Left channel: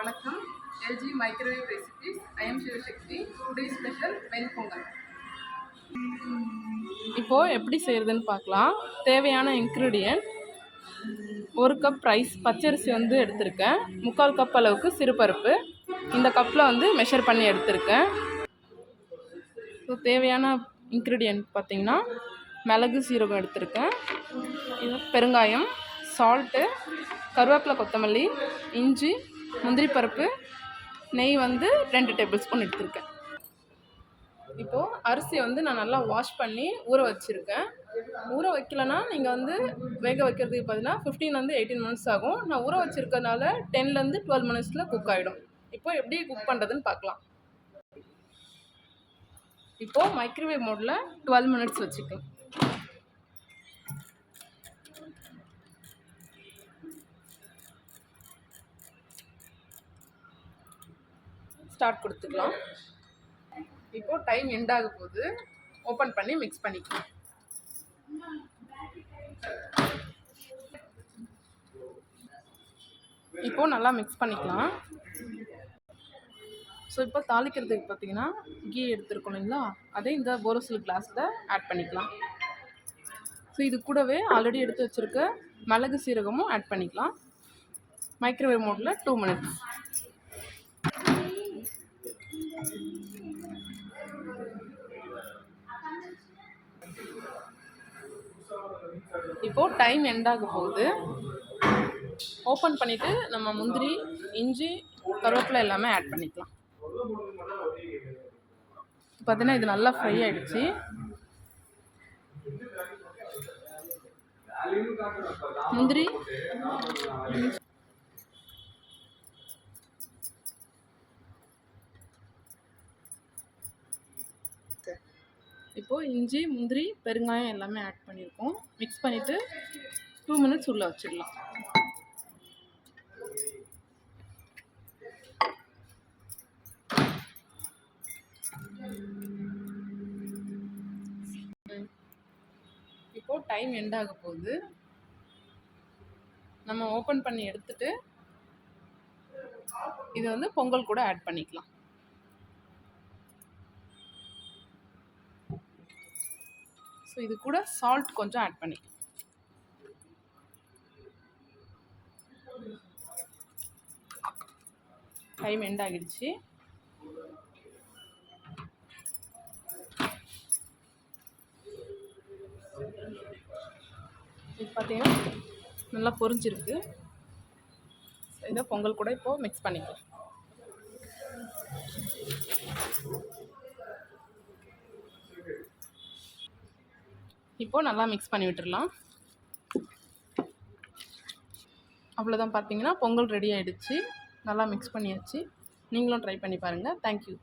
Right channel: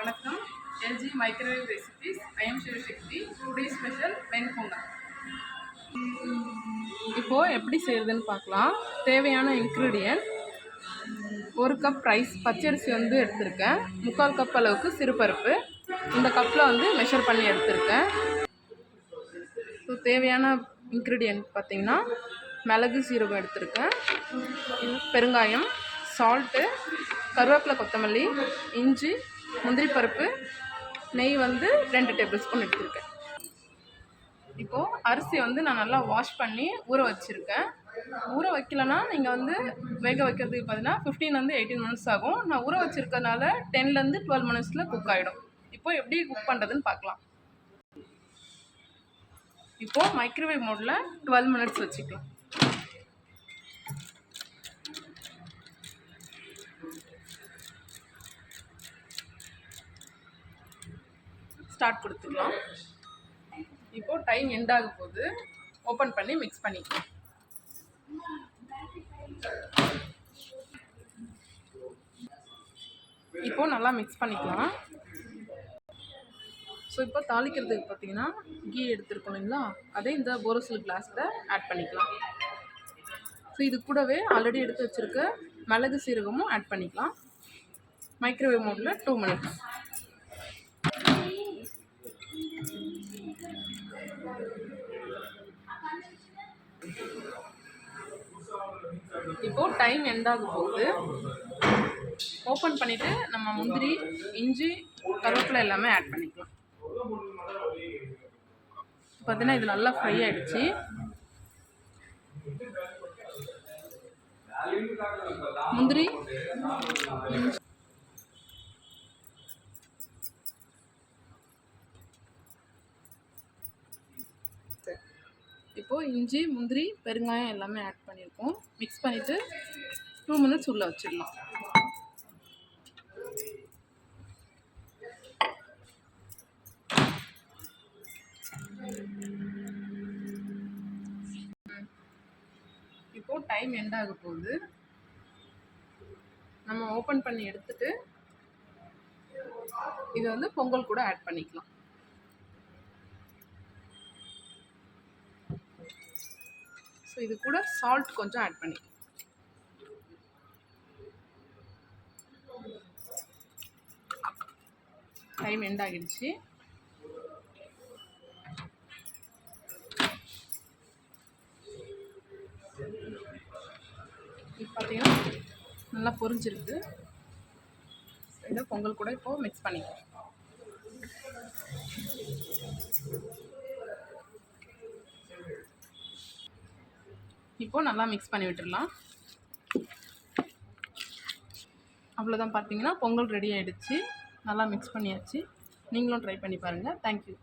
வணக்கம். LG microwave recipes. I am Sivasakthi. Today special venpongal. இப்போது எப்படி செய்கிறதுன்னு பார்க்கலாம். தேவையான இன்க்ரீடியன்ட் 1 கப் ரைஸ் பச்சரிசி எடுத்திருக்கேன். 3/4 கப் அளவுக்கு சிறுபருப்பு இந்த கப்பில் மெஷர் பண்ணி எடுத்திருக்கேன். ஸோ தேவையான இன்க்ரீடியன்ட் பார்த்திங்கன்னா மிளகு சீரகம் எடுத்திருக்கேன், பெருங்காயம், சால்ட்டு, கருவேப்பிலை, கொத்தமல்லி, இஞ்சி, முந்திரி பருப்பு, நெய் 2 டேபிள் ஸ்பூன் எடுத்திருக்கேன். இப்போது அரிசியை நான் நல்லா வாஷ் பண்ணி ஊற வச்சுருக்கேன். ஊற வைக்கலன்னா நீங்கள் வேக வைக்கிறதுக்கு பார்த்தீங்கன்னா 15-18 மினிட்ஸ் ஆகும். நான் ஊற வச்சுருக்கனால 10-12 மினிட்ஸில் குக் ஆகிடும். இப்போது எப்படி குக் பண்ணுறதுன்னு பார்க்கலாம். இப்போது மைக்ரோவேவ் மோடில் 12 மினிட்ஸ் வச்சுக்கலாம். ஸ்டார்ட் கொடுத்துக்கலாம். இப்போது டைம் எண்ட் ஆக போது ஓப்பன் பண்ணி மிக்ஸ் பண்ணிக்கலாம். இப்போது நல்லா மிக்ஸ் பண்ணிக்கலாம். ஸோ இப்போ தாளிக்கிறதுக்கு பார்த்தீங்கன்னா கீ எடுத்துருக்கோம் இல்லைங்களா, அதே இந்த போரோசில் கிளாஸில் ஆட் பண்ணிக்கலாம். ஸோ இது கூடவே ஆல்ரெடி எடுத்து வச்சுருக்க மிளகு சீரகமும் ஆட் பண்ணிக்கலாம். மைக்ரோவேவ் மோடில் 2 மினிட்ஸ். இப்போது டைம் எண்ட் ஆக போகுது. ஓப்பன் பண்ணிவிட்டு நம்ம முந்திரி, இஞ்சி, கருவேப்பிலை எல்லாமே ஆட் பண்ணிக்கலாம். பார்த்தீங்கன்னா இது நல்லா ஃப்ரை ஆகிடுச்சு. முந்திரி, இப்போது இஞ்சி, முந்திரி, பெருங்காயம் எல்லாமே ஆட் பண்ணியிருக்கோம். மிக்ஸ் பண்ணிவிட்டு 2 மினிட்ஸ் உள்ளே வச்சிடலாம். இப்போது டைம் எண்ட் ஆக போகுது. நம்ம ஓப்பன் பண்ணி எடுத்துட்டு இது பொங்கல் கூட ஆட் பண்ணிக்கலாம். ஸோ இது கூட சால்ட் கொஞ்சம் ஆட் பண்ணிக்கலாம். டைம் எண்ட் ஆகிடுச்சு. இப்போ பார்த்தீங்கன்னா நல்லா பொரிஞ்சிருக்கு. இதை பொங்கல் கூட இப்போது மிக்ஸ் பண்ணிக்கலாம். இப்போது நல்லா மிக்ஸ் பண்ணி விட்டுடலாம். அவ்வளோதான், பார்த்தீங்கன்னா பொங்கல் ரெடி ஆகிடுச்சு. நல்லா மிக்ஸ் பண்ணியாச்சு. நீங்களும் ட்ரை பண்ணி பாருங்கள். தேங்க்யூ.